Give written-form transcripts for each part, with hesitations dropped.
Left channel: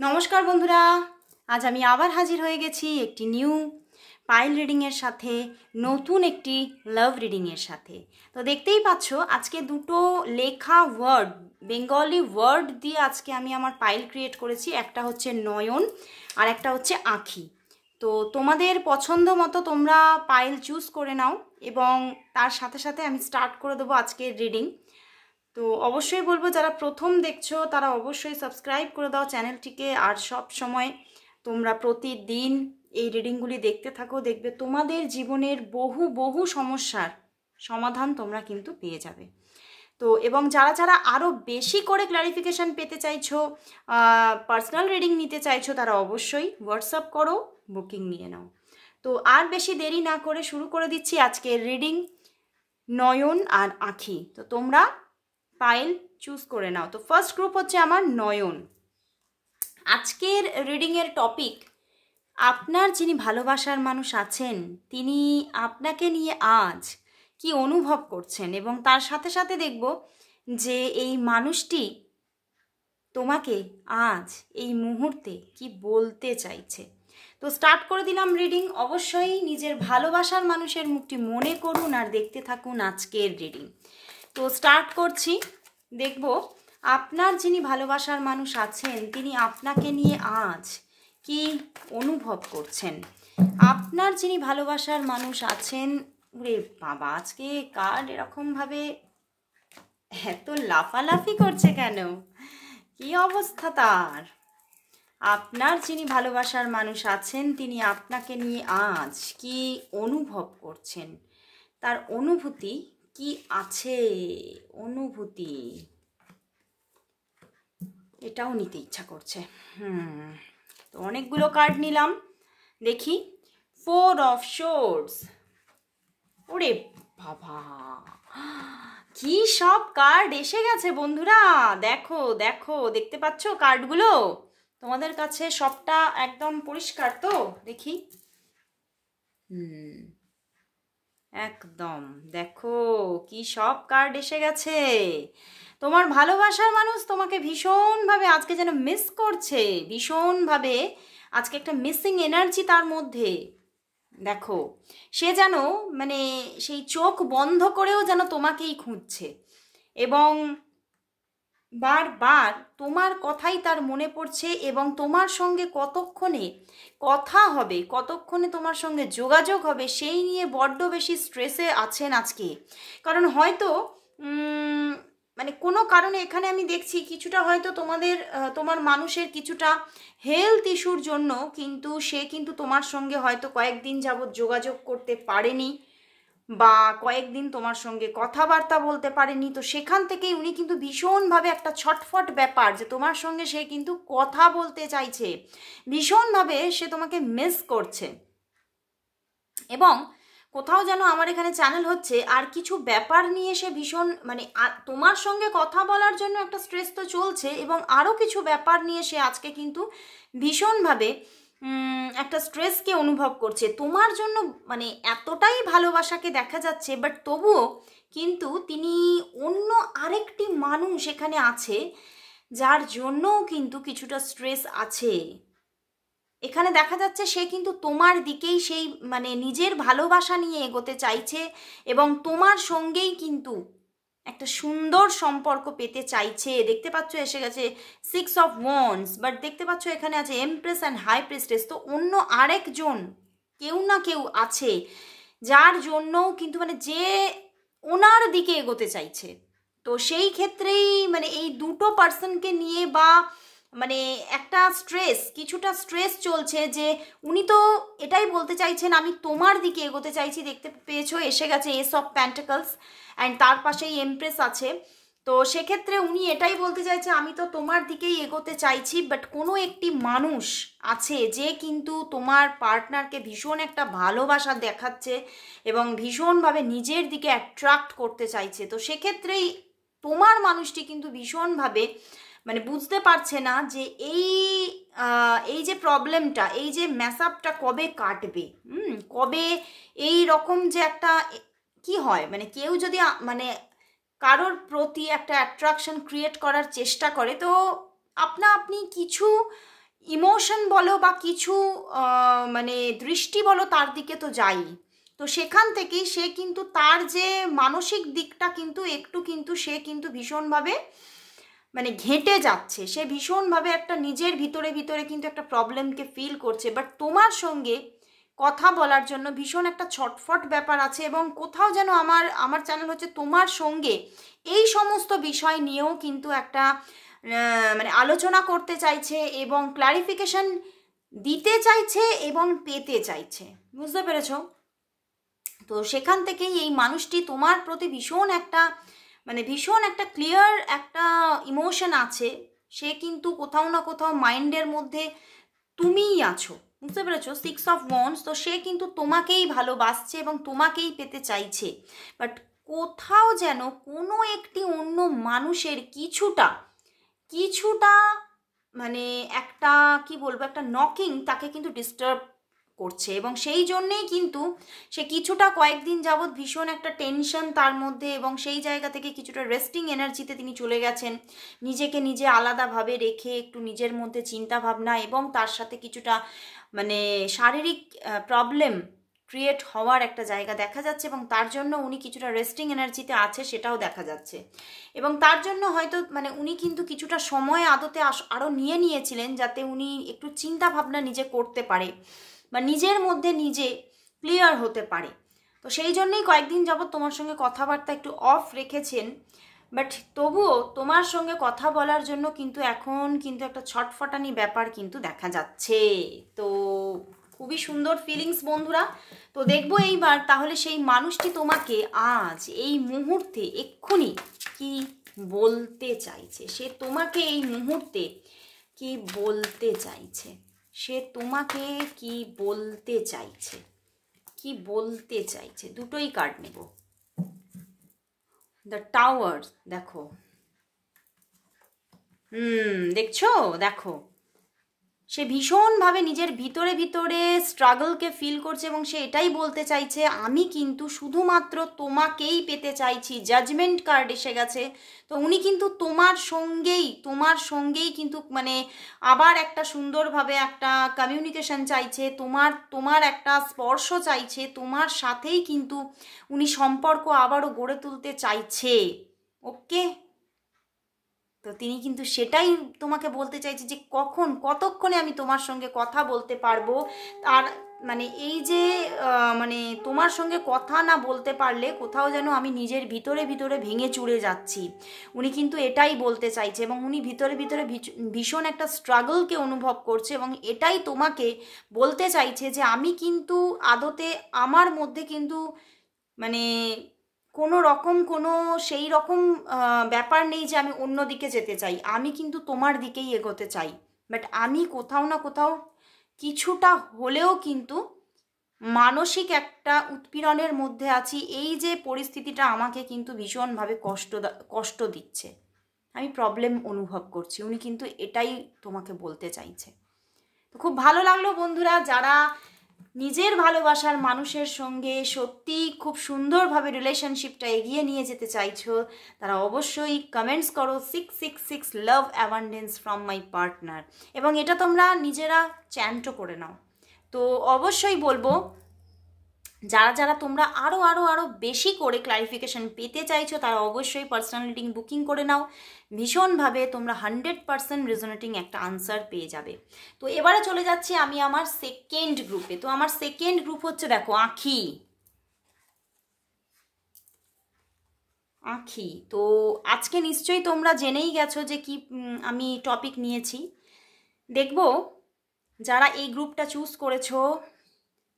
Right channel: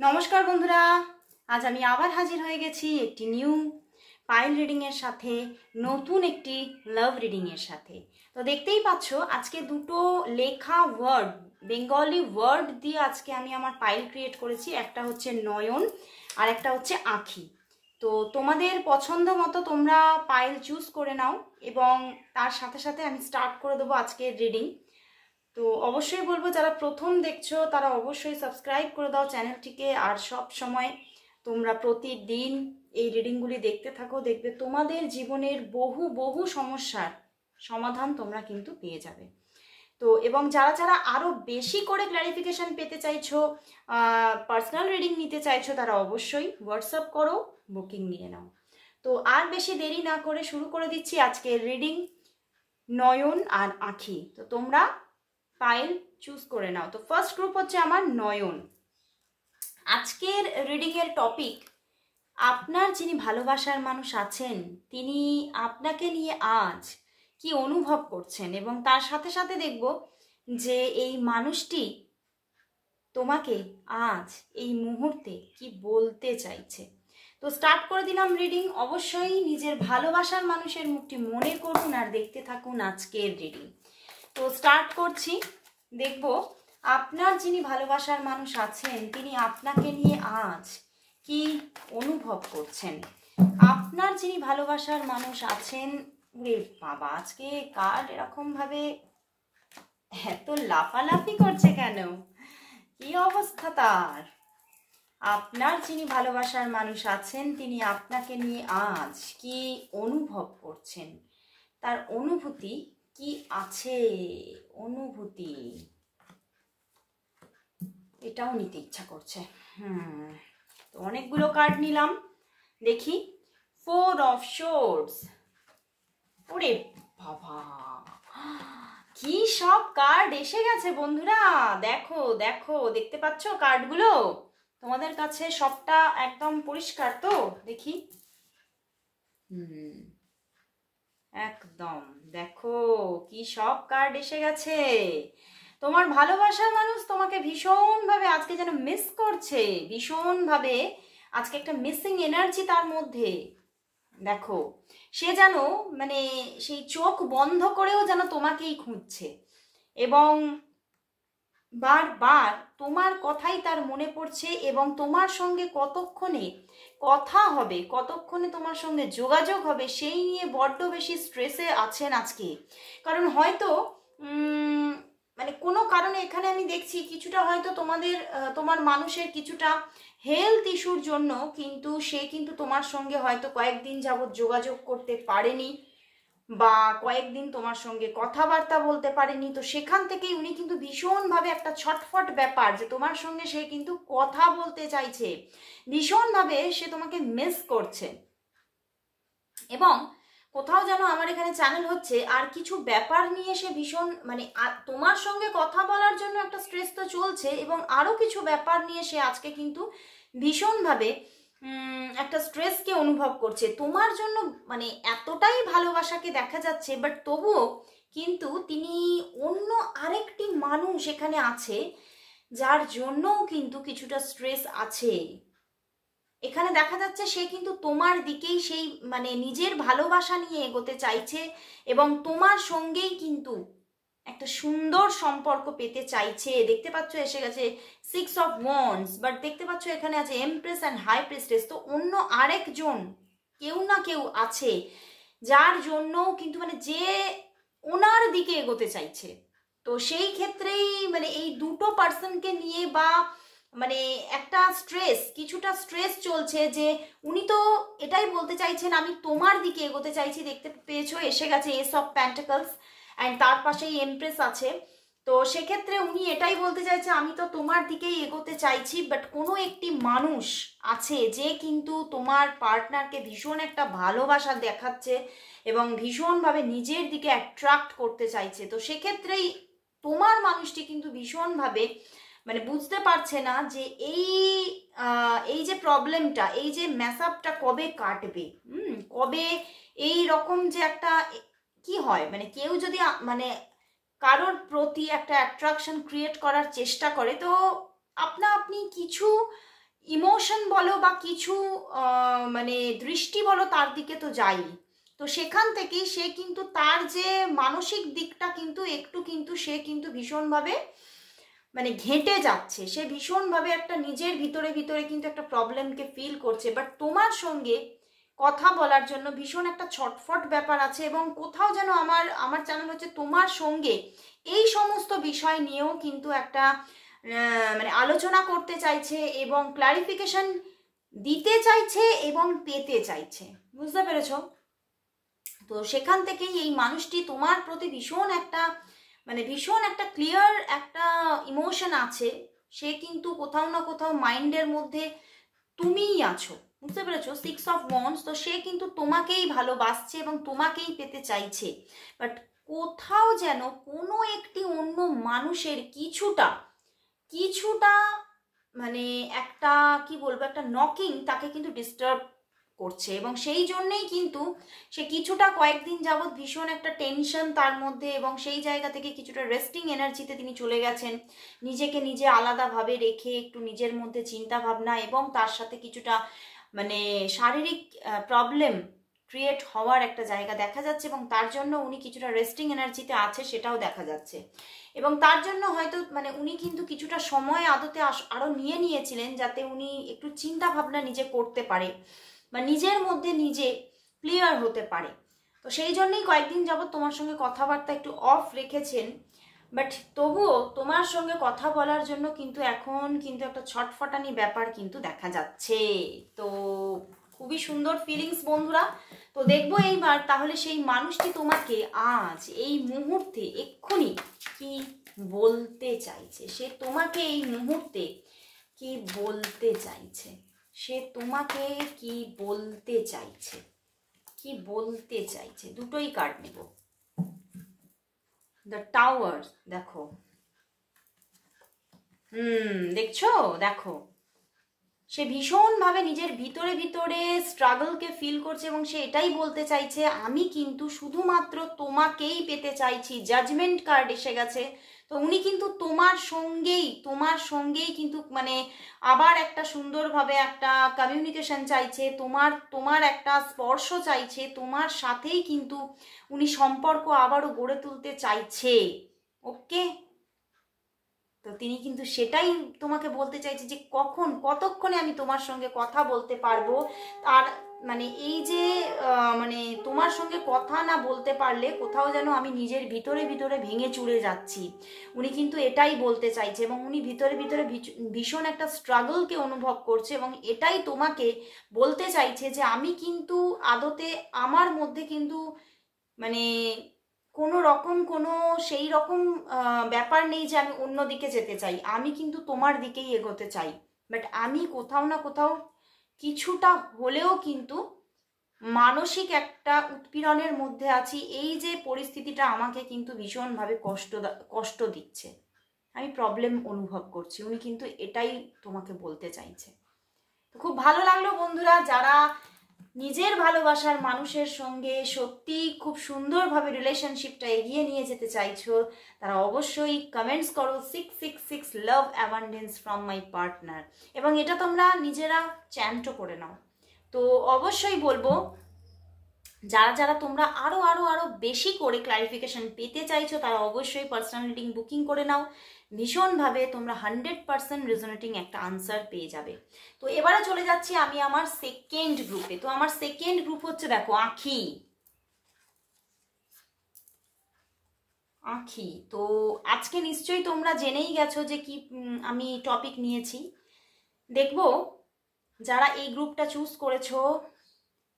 নমস্কার বন্ধুরা, আজ আমি আবার হাজির হয়ে গেছি একটি নিউ পাইল রিডিংয়ের সাথে, নতুন একটি লাভ রিডিংয়ের সাথে। তো দেখতেই পাচ্ছ আজকে দুটো লেখা ওয়ার্ড, বেঙ্গলি ওয়ার্ড দিয়ে আজকে আমি আমার পাইল ক্রিয়েট করেছি। একটা হচ্ছে নয়ন আর একটা হচ্ছে আঁখি। তো তোমাদের পছন্দ মতো তোমরা পাইল চুজ করে নাও এবং তার সাথে সাথে আমি স্টার্ট করে দেবো আজকের রিডিং। তো অবশ্যই বলবো যারা প্রথম দেখছো তারা অবশ্যই সাবস্ক্রাইব করে দাও চ্যানেলটিকে, আর সব সময় তোমরা প্রতিদিন এই রিডিংগুলি দেখতে থাকো, দেখবে তোমাদের জীবনের বহু বহু সমস্যার সমাধান তোমরা কিন্তু পেয়ে যাবে। তো এবং যারা যারা আরও বেশি করে ক্ল্যারিফিকেশান পেতে চাইছো, পার্সোনাল রিডিং নিতে চাইছো, তারা অবশ্যই হোয়াটসঅ্যাপ করো, বুকিং নিয়ে নাও। তো আর বেশি দেরি না করে শুরু করে দিচ্ছি আজকের রিডিং, নয়ন আর আঁখি। তো তোমরা পাইল চুজ করে নাও। তো ফার্স্ট গ্রুপ হচ্ছে আমার নয়ন। আজকের রিডিংয়ের টপিক, আপনার যিনি ভালোবাসার মানুষ আছেন তিনি আপনাকে নিয়ে আজ কি অনুভব করছেন, এবং তার সাথে সাথে দেখব যে এই মানুষটি তোমাকে আজ এই মুহূর্তে কি বলতে চাইছে। তো স্টার্ট করে দিলাম রিডিং। অবশ্যই নিজের ভালোবাসার মানুষের মুখটি মনে করুন আর দেখতে থাকুন আজকের রিডিং। তো স্টার্ট করছি। দেখব আপনার যিনি ভালোবাসার মানুষ আছেন তিনি আপনাকে নিয়ে আজ কি অনুভব করছেন। আপনার যিনি ভালোবাসার মানুষ আছেন, ওরে বাবা আজকে কার্ড এরকমভাবে এত লাফালাফি করছে কেন, কি অবস্থা তার। আপনার যিনি ভালোবাসার মানুষ আছেন তিনি আপনাকে নিয়ে আজ কি অনুভব করছেন, তার অনুভূতি কি আছে, অনুভূতি এটাও নিতে ইচ্ছা করছে। তো অনেকগুলো কার্ড নিলাম, দেখি। 4 অফ সোর্ডস। ওরে বাবা কি সব কার্ড এসে গেছে বন্ধুরা, দেখো দেখো, দেখতে পাচ্ছ কার্ডগুলো তোমাদের কাছে সবটা একদম পরিষ্কার তো? দেখি, একদম দেখো কি সব কার্ড এসে গেছে। তোমার ভালোবাসার মানুষ তোমাকে ভীষণভাবে আজকে যেন মিস করছে, ভীষণভাবে আজকে একটা মিসিং এনার্জি তার মধ্যে। দেখো সে যেন মানে সেই চোখ বন্ধ করেও যেন তোমাকেই খুঁজছে, এবং বারবার তোমার কথাই তার মনে পড়ছে, এবং তোমার সঙ্গে কতক্ষণে কথা হবে, কতক্ষণে তোমার সঙ্গে যোগাযোগ হবে সেই নিয়ে বড্ড বেশি স্ট্রেসে আছেন আজকে। কারণ হয়তো মানে কোনো কারণে এখানে আমি দেখছি কিছুটা হয়তো তোমার মানুষের কিছুটা হেলথ ইস্যুর জন্য কিন্তু সে কিন্তু তোমার সঙ্গে হয়তো কয়েকদিন যাবৎ যোগাযোগ করতে পারেনি, বা কয়েকদিন তোমার সঙ্গে কথাবার্তা বলতে পারেনি। তো সেখান থেকেই উনি কিন্তু ভীষণভাবে একটা ছটফট ব্যাপার যে তোমার সঙ্গে সে কিন্তু কথা বলতে চাইছে, ভীষণভাবে সে তোমাকে মিস করছে। এবং কোথাও যেন আমার এখানে চ্যানেল হচ্ছে আর কিছু ব্যাপার নিয়ে সে ভীষণ মানে তোমার সঙ্গে কথা বলার জন্য একটা স্ট্রেস তো চলছে, এবং আরও কিছু ব্যাপার নিয়ে সে আজকে কিন্তু ভীষণভাবে একটা স্ট্রেসকে অনুভব করছে তোমার জন্য। মানে এতটাই ভালোবাসাকে দেখা যাচ্ছে, বাট তবুও কিন্তু তিনি অন্য আরেকটি মানুষ এখানে আছে যার জন্যও কিন্তু কিছুটা স্ট্রেস আছে। এখানে দেখা যাচ্ছে সে কিন্তু তোমার দিকেই সেই মানে নিজের ভালোবাসা নিয়ে এগোতে চাইছে, এবং তোমার সঙ্গেই কিন্তু একটা সুন্দর সম্পর্ক পেতে চাইছে। দেখতে পাচ্ছ এসে গেছে 6 অফ ওয়ান্ডস, বাট দেখতে পাচ্ছ এখানে আছে এমপ্রেস অ্যান্ড হাই প্রিস্টেস। তো অন্য আরেকজন কেউ না কেউ আছে যার জন্যও কিন্তু মানে যে ওনার দিকে এগোতে চাইছে। তো সেই ক্ষেত্রেই মানে এই দুটো পার্সনকে নিয়ে বা মানে একটা স্ট্রেস, কিছুটা স্ট্রেস চলছে যে উনি তো এটাই বলতে চাইছেন আমি তোমার দিকে এগোতে চাইছি। দেখতে পেয়েছো এসে গেছে এস অফ প্যান্টাকলস অ্যান্ড তার পাশেই এমপ্রেস আছে। তো সেক্ষেত্রে উনি এটাই বলতে চাইছে আমি তো তোমার দিকেই এগোতে চাইছি, বাট কোনো একটি মানুষ আছে যে কিন্তু তোমার পার্টনারকে ভীষণ একটা ভালোবাসা দেখাচ্ছে এবং ভীষণভাবে নিজের দিকে অ্যাট্রাক্ট করতে চাইছে। তো সেক্ষেত্রেই তোমার মানুষটি কিন্তু ভীষণভাবে মানে বুঝতে পারছে না যে এই যে প্রবলেমটা, এই যে ম্যাসআপটা কবে কাটবে, কবে এই রকম যে একটা কি হয় মানে কেউ যদি মানে কারোর প্রতি একটা অ্যাট্রাকশন ক্রিয়েট করার চেষ্টা করে, তো আপনা আপনি কিছু ইমোশন বলো বা কিছু মানে দৃষ্টি বলো তার দিকে তো যাই। তো সেখান থেকেই সে কিন্তু তার যে মানসিক দিকটা কিন্তু একটু কিন্তু সে কিন্তু ভীষণভাবে মানে ঘেঁটে যাচ্ছে, সে ভীষণভাবে একটা নিজের ভিতরে ভিতরে কিন্তু একটা প্রবলেমকে ফিল করছে। বাট তোমার সঙ্গে কথা বলার জন্য ভীষণ একটা ছটফট ব্যাপার আছে, এবং কোথাও যেন আমার চ্যানেল হচ্ছে তোমার সঙ্গে এই সমস্ত বিষয় নিয়েও কিন্তু একটা মানে আলোচনা করতে চাইছে এবং ক্লারিফিকেশন দিতে চাইছে এবং পেতে চাইছে। বুঝতে পেরেছো? তো সেখান থেকেই এই মানুষটি তোমার প্রতি ভীষণ একটা ক্লিয়ার একটা ইমোশন আছে। সে কিন্তু কোথাও না কোথাও মাইন্ডের মধ্যে তুমিই আছো। বুঝতে পেরেছো? 6 অফ ওয়ান্ডস। তো সে কিন্তু তোমাকেই ভালোবাসছে এবং তোমাকেই পেতে চাইছে। বাট কোথাও যেন কোনো একটি অন্য মানুষের কিছুটা মানে একটা কি বলবো, একটা নকিং তাকে কিন্তু ডিস্টার্ব করছে, এবং সেই জন্যেই কিন্তু সে কিছুটা কয়েকদিন যাবৎ ভীষণ একটা টেনশন তার মধ্যে, এবং সেই জায়গা থেকে কিছুটা রেস্টিং এনার্জিতে তিনি চলে গেছেন, নিজেকে নিজে আলাদাভাবে রেখে একটু নিজের মধ্যে চিন্তা ভাবনা, এবং তার সাথে কিছুটা মানে শারীরিক প্রবলেম ক্রিয়েট হওয়ার একটা জায়গা দেখা যাচ্ছে, এবং তার জন্য উনি কিছুটা রেস্টিং এনার্জিতে আছে সেটাও দেখা যাচ্ছে। এবং তার জন্য হয়তো মানে উনি কিন্তু কিছুটা সময় আদতে আরও নিয়েছিলেন যাতে উনি একটু চিন্তা ভাবনা নিজে করতে পারে বা নিজের মধ্যে নিজে ক্লিয়ার হতে পারে। তো সেই জন্যই কয়েকদিন যাবৎ তোমার সঙ্গে কথাবার্তা একটু অফ রেখেছেন। বাট তবুও তোমার সঙ্গে কথা বলার জন্য কিন্তু এখন কিন্তু একটা ছটফটানি ব্যাপার কিন্তু দেখা যাচ্ছে। তো খুবই সুন্দর ফিলিংস বন্ধুরা। তো দেখবো এইবার তাহলে সেই মানুষটি তোমাকে আজ এই মুহূর্তে এক্ষুনি কি বলতে চাইছে, সে তোমাকে এই মুহূর্তে কি বলতে চাইছে, সে তোমাকে কি বলতে চাইছে, কি বলতে চাইছে। দুটোই কার্ড নেব। দ্য টাওয়ার দেখো, দেখছো, দেখো সে ভীষণভাবে নিজের ভিতরে ভিতরে স্ট্রাগলকে ফিল করছে, এবং সে এটাই বলতে চাইছে আমি কিন্তু শুধুমাত্র তোমাকেই পেতে চাইছি। জাজমেন্ট কার্ড এসে গেছে। তো উনি কিন্তু তোমার সঙ্গেই কিন্তু মানে আবার একটা সুন্দরভাবে একটা কমিউনিকেশন চাইছে, তোমার একটা স্পর্শ চাইছে, তোমার সাথেই কিন্তু উনি সম্পর্ক আবারও গড়ে তুলতে চাইছে। ওকে, তো তিনি কিন্তু সেটাই তোমাকে বলতে চাইছে যে কতক্ষণে আমি তোমার সঙ্গে কথা বলতে পারবো। আর মানে এই যে মানে তোমার সঙ্গে কথা না বলতে পারলে কোথাও যেন আমি নিজের ভিতরে ভিতরে ভেঙে চুরে যাচ্ছি, উনি কিন্তু এটাই বলতে চাইছে। এবং উনি ভিতরে ভিতরে ভীষণ একটা স্ট্রাগলকে অনুভব করছে, এবং এটাই তোমাকে বলতে চাইছে যে আমি কিন্তু আদতে আমার মধ্যে কিন্তু মানে কোনো রকম কোনো সেই রকম ব্যাপার নেই যে আমি অন্যদিকে যেতে চাই, আমি কিন্তু তোমার দিকেই এগোতে চাই। বাট আমি কোথাও না কোথাও কিছুটা হলেও কিন্তু মানসিক একটা উৎপীড়নের মধ্যে আছি। এই যে পরিস্থিতিটা আমাকে কিন্তু ভীষণভাবে কষ্ট দিচ্ছে, আমি প্রবলেম অনুভব করছি। উনি কিন্তু এটাই তোমাকে বলতে চাইছে। তো খুব ভালো লাগলো বন্ধুরা, যারা নিজের ভালোবাসার মানুষের সঙ্গে সত্যি খুব সুন্দরভাবে রিলেশনশিপটা এগিয়ে নিয়ে যেতে চাইছো, তারা অবশ্যই কমেন্টস করো 666 লাভ অ্যাবান্ডেন্স ফ্রম মাই পার্টনার, এবং এটা তোমরা নিজেরা চ্যান্টও করে নাও। তো অবশ্যই বলবো যারা তোমরা আরও বেশি করে ক্লারিফিকেশন পেতে চাইছো তারা অবশ্যই পার্সোনাল রিডিং বুকিং করে নাও। ভীষণভাবে তোমরা 100% রেজোনেটিং একটা আনসার পেয়ে যাবে। তো এবারে চলে যাচ্ছি আমি আমার সেকেন্ড গ্রুপে। তো আমার সেকেন্ড গ্রুপ হচ্ছে দেখো আঁখি। তো আজকে নিশ্চয়ই তোমরা জেনেই গেছো যে কি আমি টপিক নিয়েছি। দেখবো যারা এই গ্রুপটা চুজ করেছো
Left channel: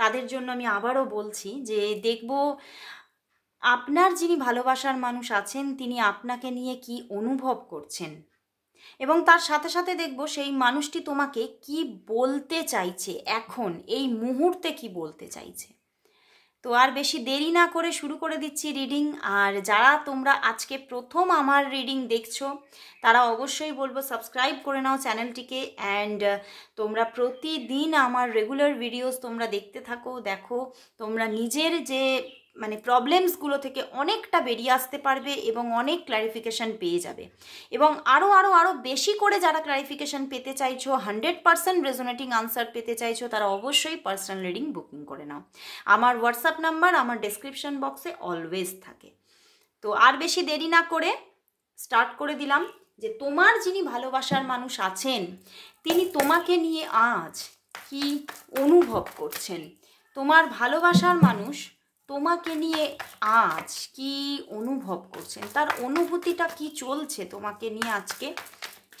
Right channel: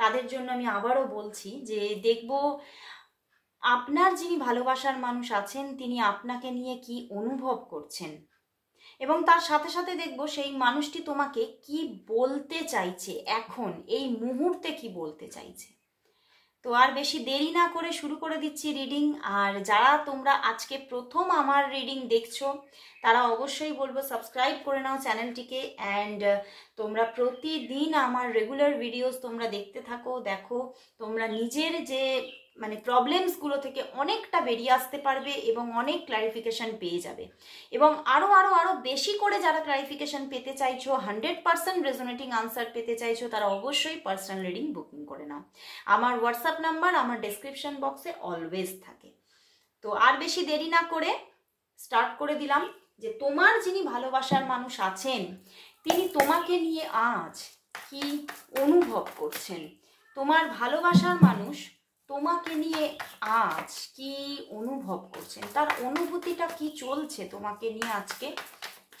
তাদের জন্য আমি আবারও বলছি যে দেখব আপনার যিনি ভালোবাসার মানুষ আছেন তিনি আপনাকে নিয়ে কি অনুভব করছেন, এবং তার সাথে সাথে দেখব সেই মানুষটি তোমাকে কি বলতে চাইছে, এখন এই মুহূর্তে কি বলতে চাইছে। তো আর বেশি দেরি না করে শুরু করে দিচ্ছি রিডিং। আর যারা তোমরা আজকে প্রথম আমার রিডিং দেখছো তারা অবশ্যই বলবো সাবস্ক্রাইব করে নাও চ্যানেলটিকে, অ্যান্ড তোমরা প্রতিদিন আমার রেগুলার ভিডিওস তোমরা দেখতে থাকো। দেখো তোমরা নিজের যে মানে প্রবলেমসগুলো থেকে অনেকটা বেরিয়ে আসতে পারবে এবং অনেক ক্ল্যারিফিকেশান পেয়ে যাবে। এবং আরও বেশি করে যারা ক্ল্যারিফিকেশান পেতে চাইছো, 100% রেজোনেটিং আনসার পেতে চাইছো, তারা অবশ্যই পার্সোনাল রিডিং বুকিং করে নাও। আমার হোয়াটসঅ্যাপ নাম্বার আমার ডেসক্রিপশন বক্সে অলওয়েজ থাকে। তো আর বেশি দেরি না করে স্টার্ট করে দিলাম যে তোমার যিনি ভালোবাসার মানুষ আছেন তিনি তোমাকে নিয়ে আজ কি অনুভব করছেন। তোমার ভালোবাসার মানুষ তোমাকে নিয়ে আজ কি অনুভব করছেন, তার অনুভূতিটা কি চলছে তোমাকে নিয়ে আজকে,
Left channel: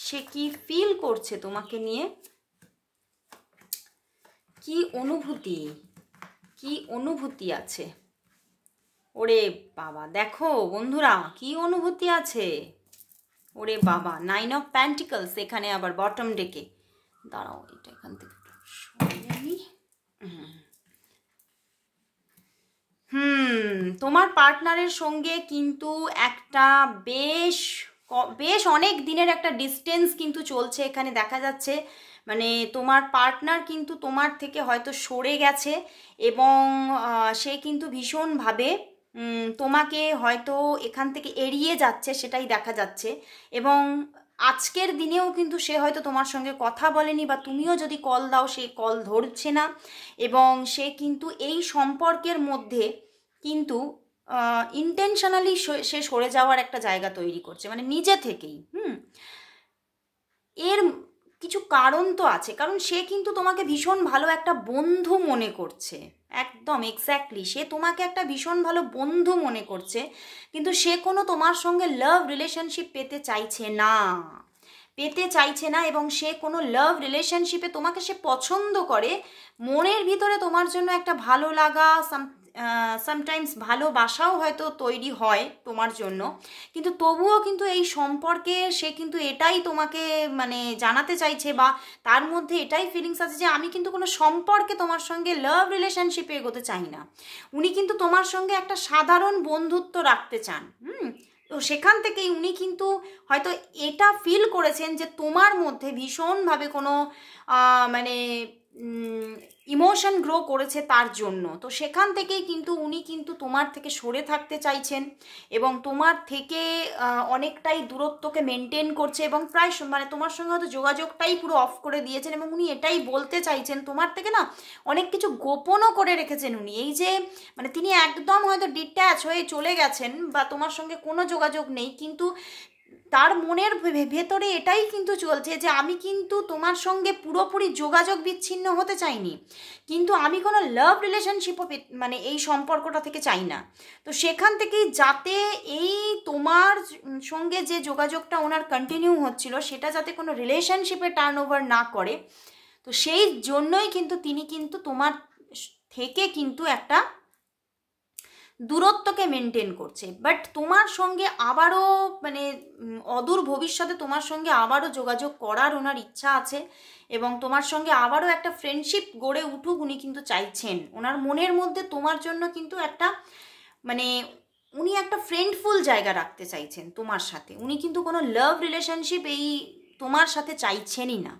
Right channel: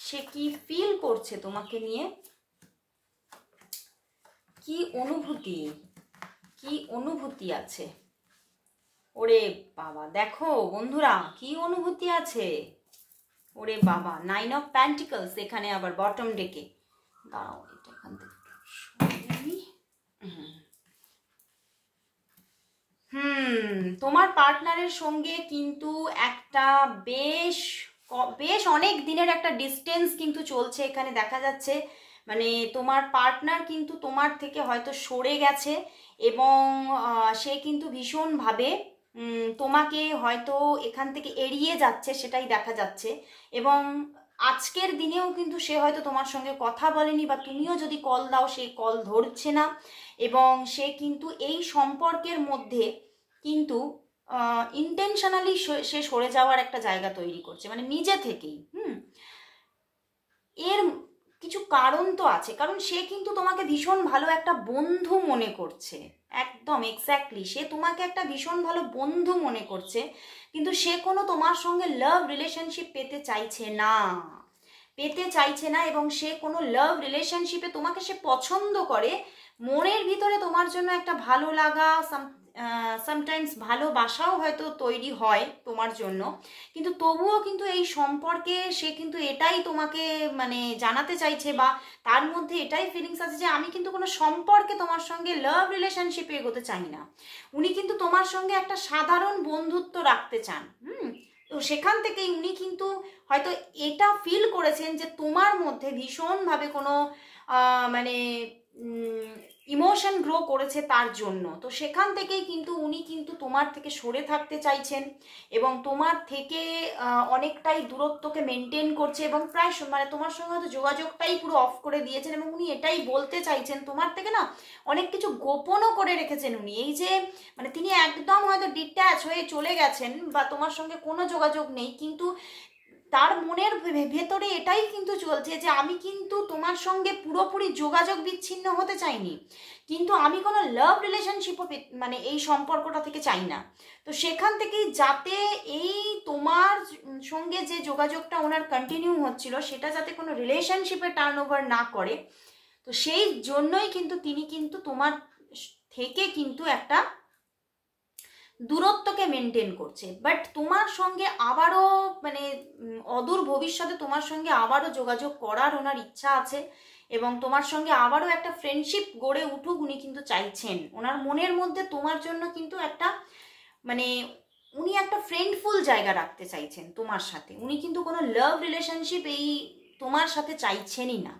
সে কি ফিল করছে তোমাকে নিয়ে, কি অনুভূতি আছে। ওরে বাবা, দেখো বন্ধুরা কি অনুভূতি আছে। ওরে বাবা, 9 অফ প্যান্টিকলস এখানে আবার বটম ডেকে। দাঁড়াও, এটা এখান থেকে তোমার পার্টনারের সঙ্গে কিন্তু একটা বেশ অনেক দিনের একটা ডিস্টেন্স কিন্তু চলছে এখানে দেখা যাচ্ছে। মানে তোমার পার্টনার কিন্তু তোমার থেকে হয়তো সরে গেছে এবং সে কিন্তু ভীষণভাবে তোমাকে হয়তো এখান থেকে এড়িয়ে যাচ্ছে, সেটাই দেখা যাচ্ছে। এবং আজকের দিনেও কিন্তু সে হয়তো তোমার সঙ্গে কথা বলেনি, বা তুমিও যদি কল দাও সে কল ধরছে না। এবং সে কিন্তু এই সম্পর্কের মধ্যে কিন্তু ইন্টেনশনালি সে সরে যাওয়ার একটা জায়গা তৈরি করছে, মানে নিজে থেকেই। এর কিছু কারণ তো আছে, কারণ সে কিন্তু তোমাকে ভীষণ ভালো একটা বন্ধু মনে করছে। একদম এক্স্যাক্টলি, সে তোমাকে একটা ভীষণ ভালো বন্ধু মনে করছে, কিন্তু সে কোনো তোমার সঙ্গে লাভ রিলেশনশিপ পেতে চাইছে না। এবং সে কোনো লাভ রিলেশনশিপে তোমাকে সে পছন্দ করে, মনের ভিতরে তোমার জন্য একটা ভালো লাগা, সামটাইমস ভালোবাসাও হয়তো তৈরি হয় তোমার জন্য, কিন্তু তবুও কিন্তু এই সম্পর্কে সে কিন্তু এটাই তোমাকে মানে জানাতে চাইছে, বা তার মধ্যে এটাই ফিলিংস আছে যে আমি কিন্তু কোনো সম্পর্কে তোমার সঙ্গে লাভ রিলেশনশিপে এগোতে চাই না। উনি কিন্তু তোমার সঙ্গে একটা সাধারণ বন্ধুত্ব রাখতে চান। তো সেখান থেকেই উনি কিন্তু হয়তো এটা ফিল করেছেন যে তোমার মধ্যে ভীষণভাবে কোনো মানে ইমোশন গ্রো করেছে তার জন্য। তো সেখান থেকেই কিন্তু উনি কিন্তু তোমার থেকে সরে থাকতে চাইছেন এবং তোমার থেকে অনেকটাই দূরত্বকে মেনটেন করছে, এবং প্রায় মানে তোমার সঙ্গে হয়তো যোগাযোগটাই পুরো অফ করে দিয়েছেন। এবং উনি এটাই বলতে চাইছেন তোমার থেকে না অনেক কিছু গোপনও করে রেখেছেন উনি। এই যে মানে তিনি একদম হয়তো ডিট্যাচ হয়ে চলে গেছেন বা তোমার সঙ্গে কোনো যোগাযোগ নেই, কিন্তু তার মনের ভেতরে এটাই কিন্তু চলছে যে আমি কিন্তু তোমার সঙ্গে পুরোপুরি যোগাযোগ বিচ্ছিন্ন হতে চাইনি, কিন্তু আমি কোনো লাভ রিলেশনশিপও মানে এই সম্পর্কটা থেকে চাই না। তো সেখান থেকেই যাতে এই তোমার সঙ্গে যে যোগাযোগটা ওনার কন্টিনিউ হচ্ছিল সেটা যাতে কোনো রিলেশনশিপে টার্ন ওভার না করে, তো সেই জন্যই কিন্তু তিনি কিন্তু তোমার থেকে কিন্তু একটা দূরত্বকে মেনটেন করছে। বাট তোমার সঙ্গে আবারও মানে অদূর ভবিষ্যতে তোমার সঙ্গে আবারও যোগাযোগ করার ওনার ইচ্ছা আছে, এবং তোমার সঙ্গে আবারও একটা ফ্রেন্ডশিপ গড়ে উঠুক উনি কিন্তু চাইছেন। ওনার মনের মধ্যে তোমার জন্য কিন্তু একটা মানে উনি একটা ফ্রেন্ডফুল জায়গা রাখতে চাইছেন তোমার সাথে। উনি কিন্তু কোনো লাভ রিলেশনশিপ এই তোমার সাথে চাইছেনই না।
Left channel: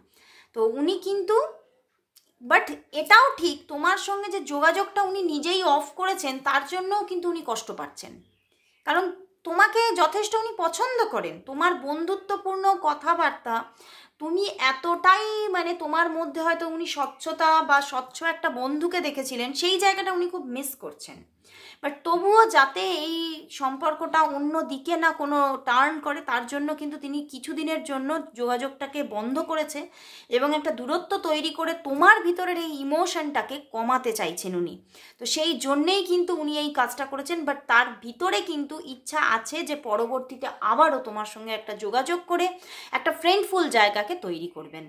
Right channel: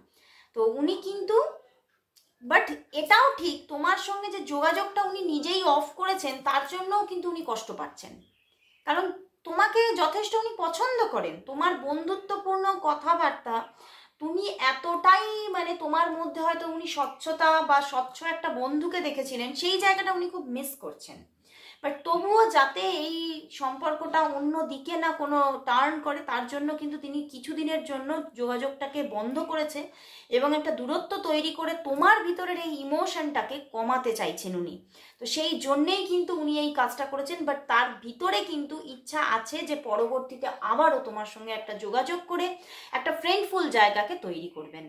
তো উনি কিন্তু বাট এটাও ঠিক তোমার সঙ্গে যে যোগাযোগটা উনি নিজেই অফ করেছেন তার জন্যও কিন্তু উনি কষ্ট পাচ্ছেন, কারণ তোমাকে যথেষ্ট উনি পছন্দ করেন। তোমার বন্ধুত্বপূর্ণ কথাবার্তা তুমি এতটাই মানে তোমার মধ্যে হয়তো উনি স্বচ্ছতা বা স্বচ্ছ একটা বন্ধুকে দেখেছিলেন, সেই জায়গাটা উনি খুব মিস করছেন। বাট তবুও যাতে এই সম্পর্কটা অন্য দিকে না কোনো টার্ন করে তার জন্য কিন্তু তিনি কিছুদিনের জন্য যোগাযোগটাকে বন্ধ করেছে এবং একটা দূরত্ব তৈরি করে তোমার ভিতরের এই ইমোশনটাকে কমাতে চাইছেন উনি। তো সেই জন্যেই কিন্তু উনি এই কাজটা করেছেন। বাট তার ভিতরে কিন্তু ইচ্ছা আছে যে পরবর্তীতে আবারও তোমার সঙ্গে একটা যোগাযোগ করে একটা ফ্রেন্ডফুল জায়গাকে তৈরি করবেন।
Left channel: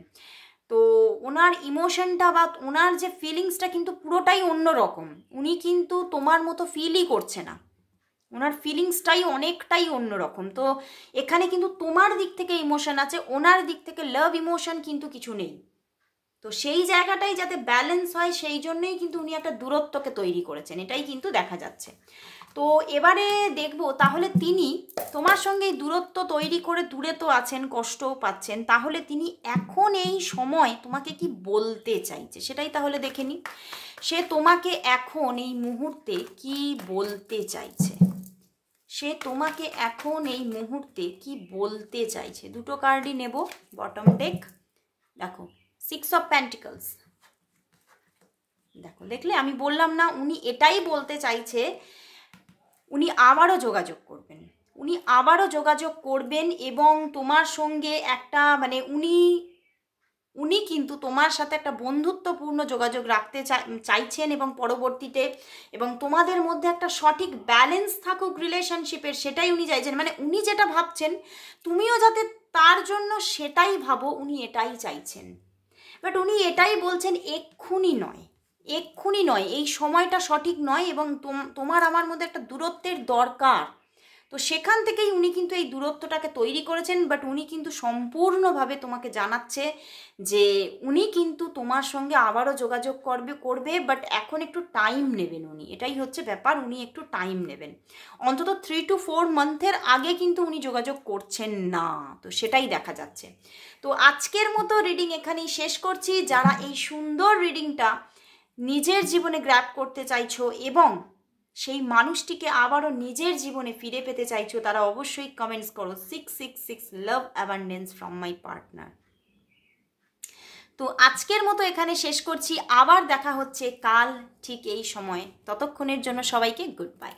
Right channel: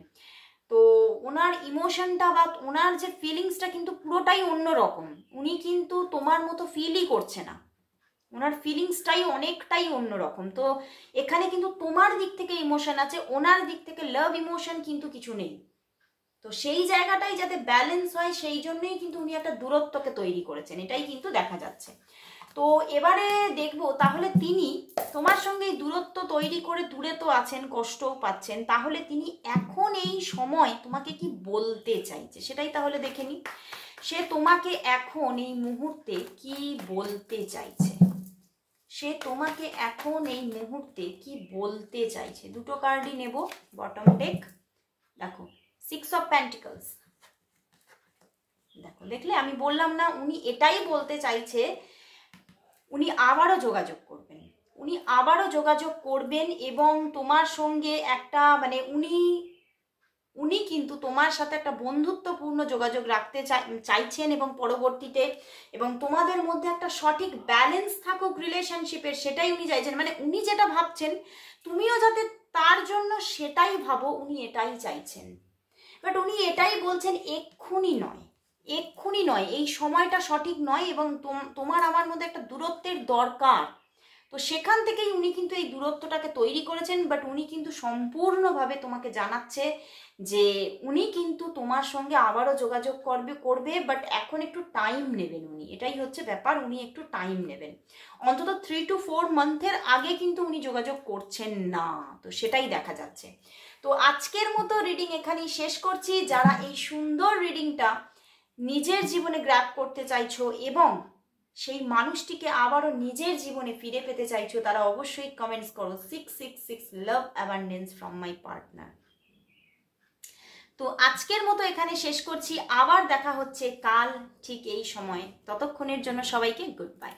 তো ওনার ইমোশনটা বা ওনার যে ফিলিংসটা কিন্তু পুরোটাই অন্যরকম। উনি কিন্তু তোমার মতো ফিলই করছে না, ওনার ফিলিংসটাই অনেকটাই অন্যরকম। তো এখানে কিন্তু তোমার দিক থেকে ইমোশন আছে, ওনার দিক থেকে লাভ ইমোশন কিন্তু কিছু নেই। তো সেই জায়গাটাই যাতে ব্যালেন্স হয় সেই জন্যই কিন্তু উনি একটা দূরত্বকে তৈরি করেছেন, এটাই কিন্তু দেখা যাচ্ছে। তো এবারে দেখবো তাহলে তিনি তোমার সঙ্গে দূরত্ব তৈরি করে দূরে তো আছেন, কষ্টও পাচ্ছেন, তাহলে তিনি এখন এই সময় তোমাকে কি বলতে চাইছে সেটাই তাহলে দেখে নি। সে তোমাকে এখন এই মুহূর্তে কি বলতে চাইছে, সে তোমাকে এখন এই মুহূর্তে কি বলতে চাইছে। দুটো কার্ডই নেব বটম ডেক। দেখো 6 অফ পেন্টিকলস, দেখো দেখলে আমি বললাম না উনি এটাই বলতে চাইছে, উনি আবারও যোগাযোগ করবেন, উনি আবারও যোগাযোগ করবেন এবং তোমার সঙ্গে একটা মানে উনি কিন্তু তোমার সাথে একটা বন্ধুত্বপূর্ণ যোগাযোগ রাখতে চাইছেন এবং পরবর্তীতে এবং তোমাদের মধ্যে একটা সঠিক ব্যালেন্স থাকুক রিলেশনশিপের, সেটাই উনি চাইছেন। মানে উনি যেটা ভাবছেন তুমিও যাতে তার জন্য সেটাই ভাবো, উনি এটাই চাইছেন। বাট উনি এটাই বলছেন এক্ষুনি নয়, এক্ষুনি নয়, এই সময়টা সঠিক নয় এবং তোমার আমার মধ্যে একটা দূরত্বের দরকার। তো সেখান থেকেই উনি কিন্তু এই দূরত্বটাকে তৈরি করেছেন। বাট উনি কিন্তু সম্পূর্ণভাবে তোমাকে জানাচ্ছে যে উনি কিন্তু তোমার সঙ্গে আবারও যোগাযোগ করবে বাট এখন একটু টাইম নেবেন উনি, এটাই হচ্ছে ব্যাপার, উনি একটু টাইম নেবেন। অন্তত 3 to 4 মান্থের আগে কিন্তু উনি যোগাযোগ করছেন না, তো সেটাই দেখা যাচ্ছে। তো আজকের মতো রিডিং এখানেই শেষ করছি। যারা এই সুন্দর রিডিংটা নিজের জীবনে গ্র্যাব করতে চাইছো এবং সেই মানুষটিকে আবারও নিজের জীবনে ফিরে পেতে চাইছো, তারা অবশ্যই কমেন্টস করো 666 লাভ অ্যাবান্ডেন্স ফ্রম মাই পার্টনার। তো আজকের মতো এখানে শেষ করছি, আবার দেখা হচ্ছে কাল ঠিক এই সময়ে। ততক্ষণের জন্য সবাইকে গুড বাই।